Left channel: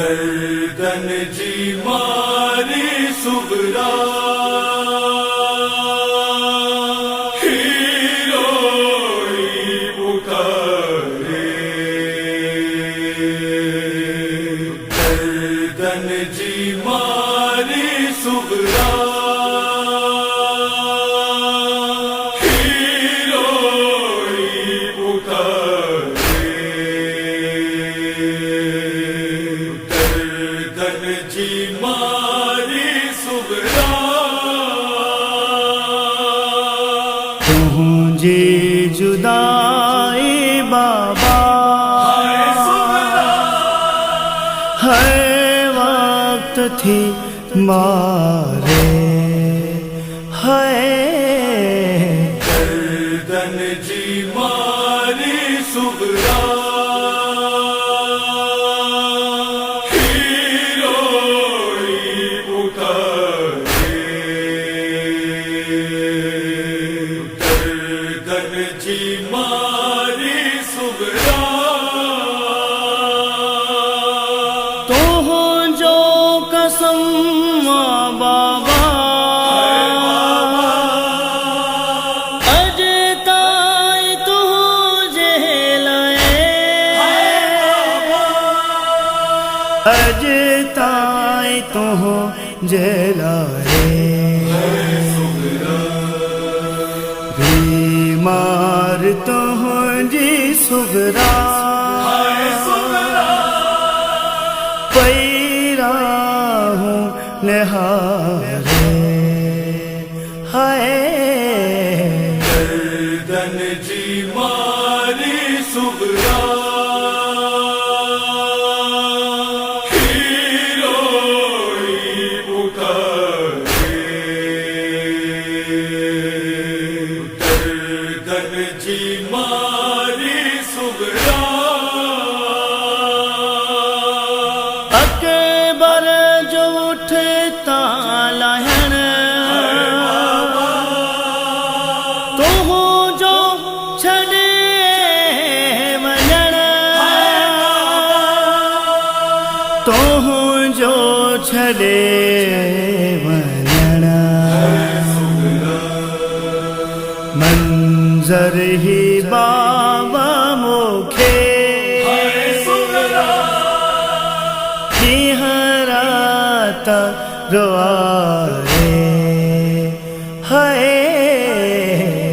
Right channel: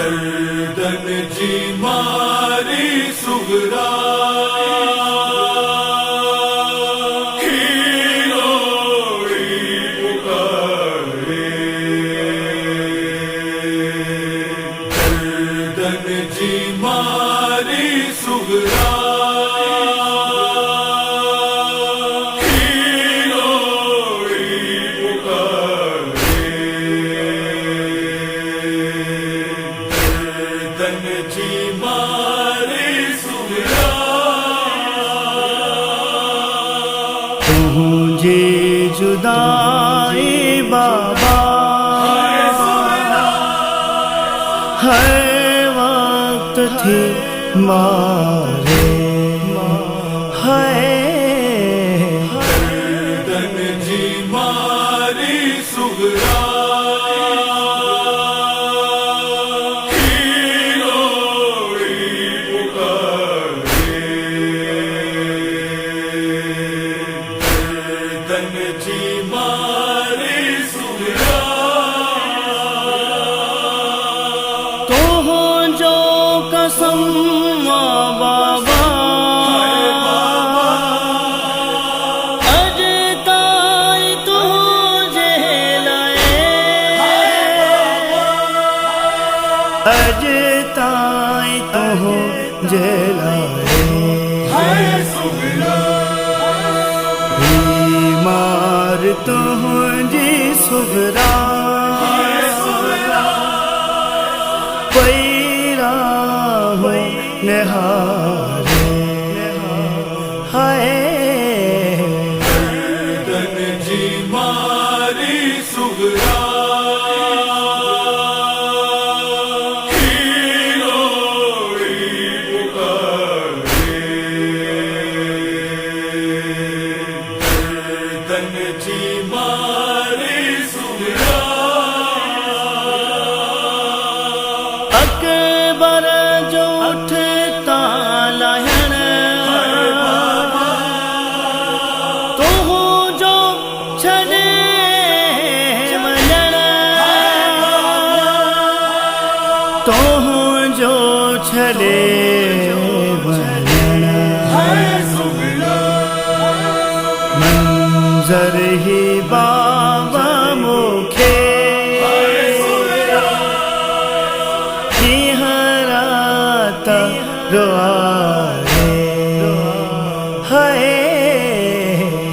दर्दन जी मारी सुगरा जी मारी सुगरा जी मारी सुगरा तुझे जुदाई बाबा हर वक्त थी मारे है दर्दन जी मारी सुगरा जी मारी सुगरा तो हो जो कसम बाबा अजताई तुझे लाए अजताई तुझे लाए बीमार तुझी सुगरा पैरा हूँ निहारे हाय दर्दन जी मारी सुगरा जी मारी सुगरा अकबर जो उठता लहण तो हो जो छड़े वञण तो हो जो छड़े वञण मंजर ही बाबा मुखे हराता रोआरे हाय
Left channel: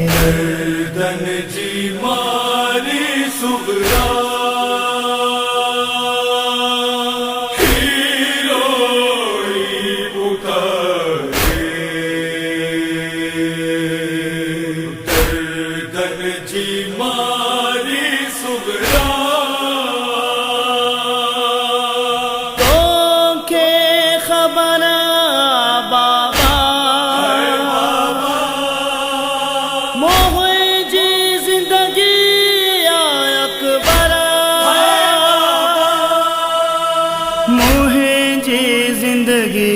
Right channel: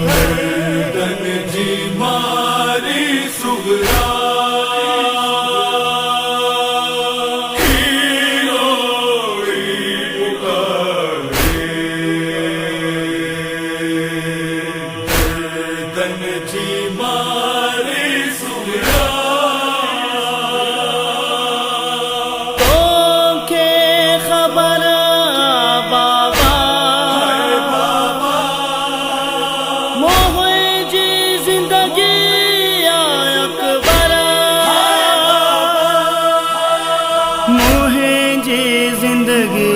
दर्दन जी मारी सुगरा दर्दन जी मारी सुगरा खबर बाबा मुझी जिंदगी अकबर मुझी जिंदगी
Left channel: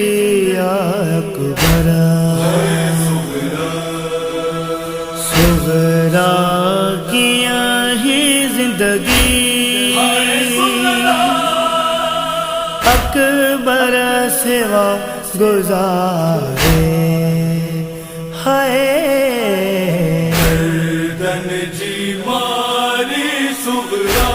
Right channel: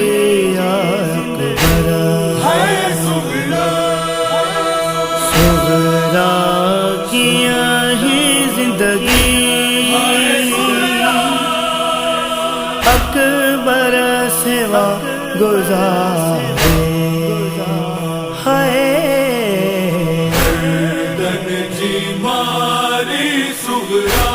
अकबर सुगरा किया ही जिंदगी अकबर सेवा गुजारे हाय दर्दन जी मारी सुगरा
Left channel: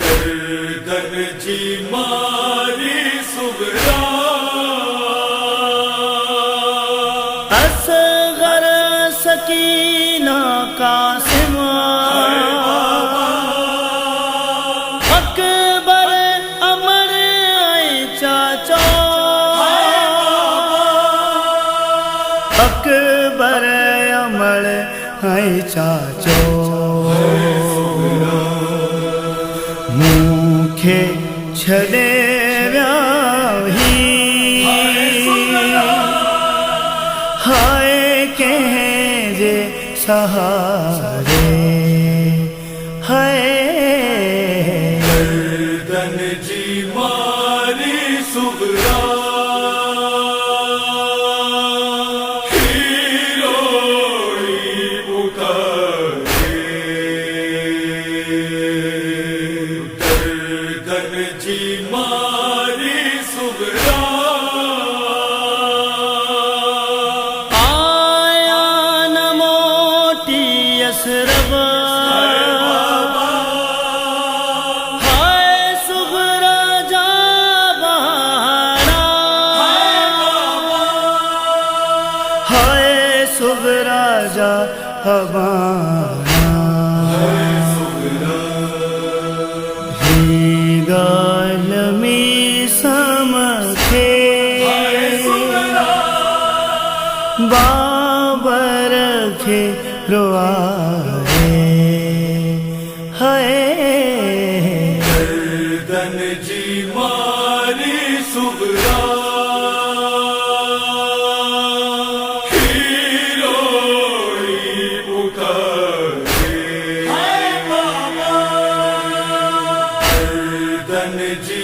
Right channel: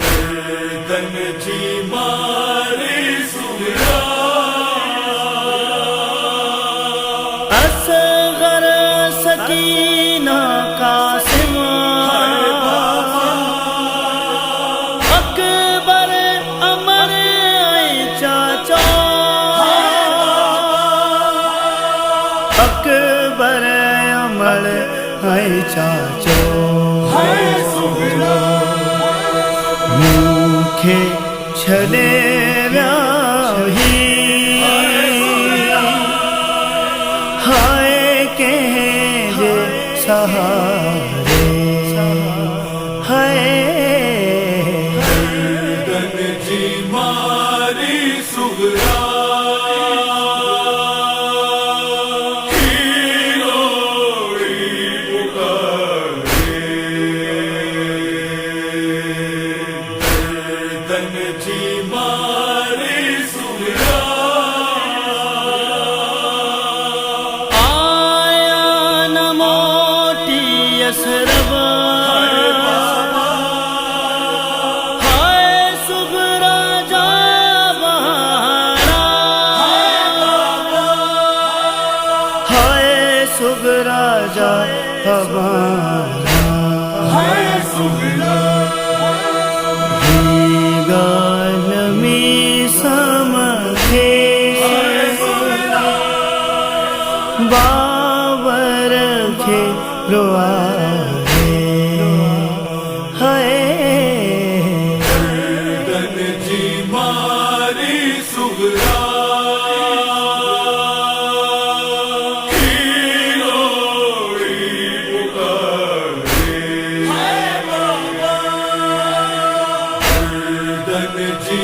दर्दन जी मारी सुगरा असगर सकीना कासिम अकबर अमर चाचा अकबर अमर चाचो मुखे छड़े व्याही हाय कहे सहारे हाय दर्दन जी मारी सुगरा صغرا جا ہبانا ہی گالمی سمکھے بابر کھے روارے ہے گردن جی ماری سغرا ہیلوڑی پکارے گردن جی